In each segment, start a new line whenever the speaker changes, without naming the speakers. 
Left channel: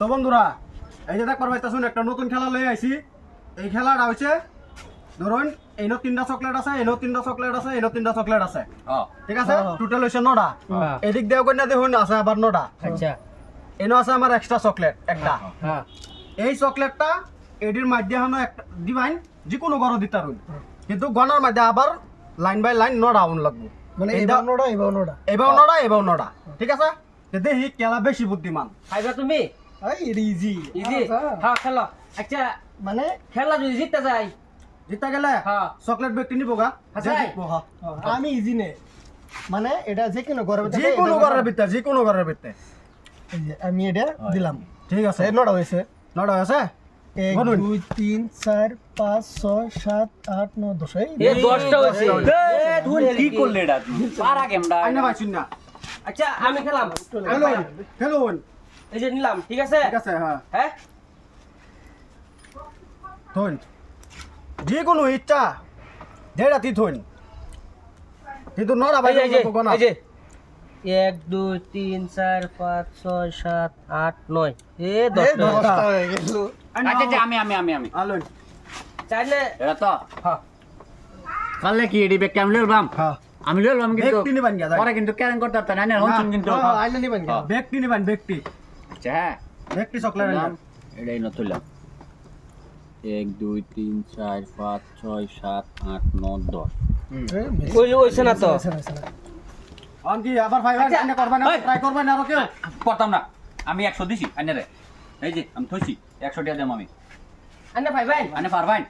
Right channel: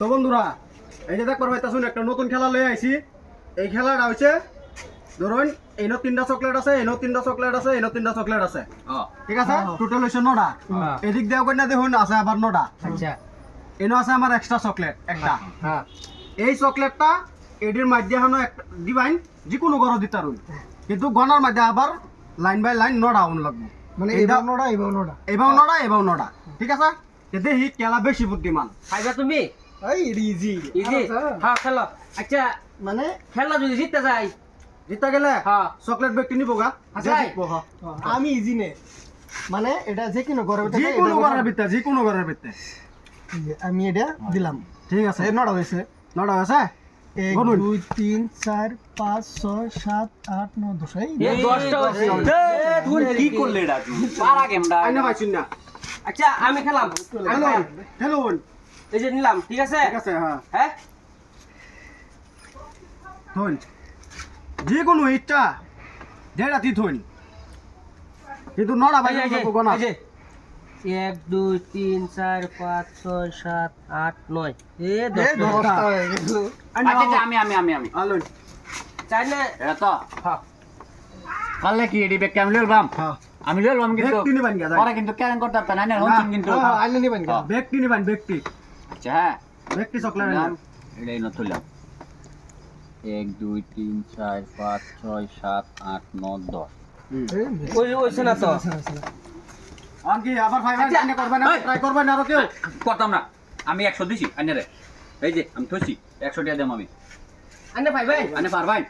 তো বন্ধুরা এই যে দেখবার ভাই শুন একটা নতুন খেলা লয়ে আইছি এই খেলাটা হচ্ছে ধরুন এনো তিনটা চকলেট আছে এনো তিনটা চকলেট আছে এনো তিনটা চকলেট আছে ঠিক আছে টোটাল হচ্ছে নটা এদিক দিয়ে কন্যা দেখুন আছে আবার নটা আচ্ছা এনো আছে আমার এক্সট্রা চকলেট একটা এই চকলেটটা এডির মাধ্যমে দিবাইন যে কোনো ঘর দিতে কিন্তু গণার মাধ্যমে আবার লাইন বাই লাইন নটা উন লাগবে
মানে এবার নটা এবার নটা
এবার নটা এবার নটা ঠিক আছে কিন্তু সি কেলা বেশি বুদ্ধিমান
খাইবা তুমি ইজি ইজি হ্যাঁ, আচ্ছা, মানে খেলা যদি জিততে যাই
জিততে গেলে হ্যাঁ চকলেট ব্যাগটি নিবো
আচ্ছা, আচ্ছা।
আমি ইজি নে মানে এটা যে কোনো ঘরের
কোনো ঘরের ভিতরে যে কোনো ঘরের
আমি এটা দিলাম ঠিক আছে নটা হয়েছে নটা হয়েছে এক দুই তিন চার পাঁচ ছয় সাত আট ন দশ
আচ্ছা আমি খেলাম খেলুন এই যে নিলাম ঠিক আছে
ঠিক আছে হ্যাঁ হ্যাঁ থন যে কোনো ইচ্ছা দেড়া তুই থন কিন্তু নড়া ভাই এই যে এই
যে এক দুই তিন চার পাঁচ ছয় সাত আট নয় এ দশটা আচ্ছা, আচ্ছা, আচ্ছা আমি আমি আমি আমি
আলুন হ্যাঁ, চাইলে এটা তো হ্যাঁ কালে কি এডি বেক ক্যামেল বাম হ্যাঁ আমি লেলাম কিন্তু
ব্যক্তি নিবান গিয়া
ওরা কিন্তু ক্যারেন করতে পারতাম না হন হ্যাঁ। কিন্তু
হ্যাঁ, আইলে নিবান গিয়া
ব্যক্তি নিবান ব্যক্তি
আচ্ছা। এক দুই পাঁচ ছয় ন
আমি না আচ্ছা,
আমি একশো দিছি আন্নারে এই যে আমি থাকি একশো টাকা দাম আমি ভাই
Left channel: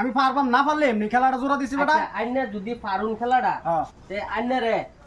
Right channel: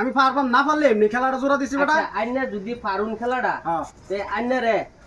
আমি পারবাম না পারলে এমনি খেলাটা জোড়া দিছি
আইনে আচ্ছা, যদি পারুন খেলাটা হ্যাঁ। তে রে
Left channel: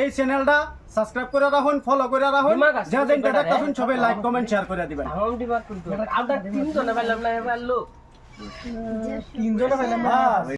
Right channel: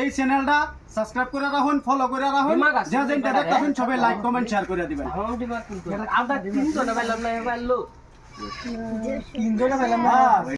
এই চ্যানেলটা সাবস্ক্রাইব করে রাখুন ফলো করে রাখুন যে দিন টাকা দেখুন সবাই লাইক কমেন্ট শেয়ার করে দিবেন
আমরা তিনজনে পাইলাম না এবার লোক
তিনজনে পাইলাম না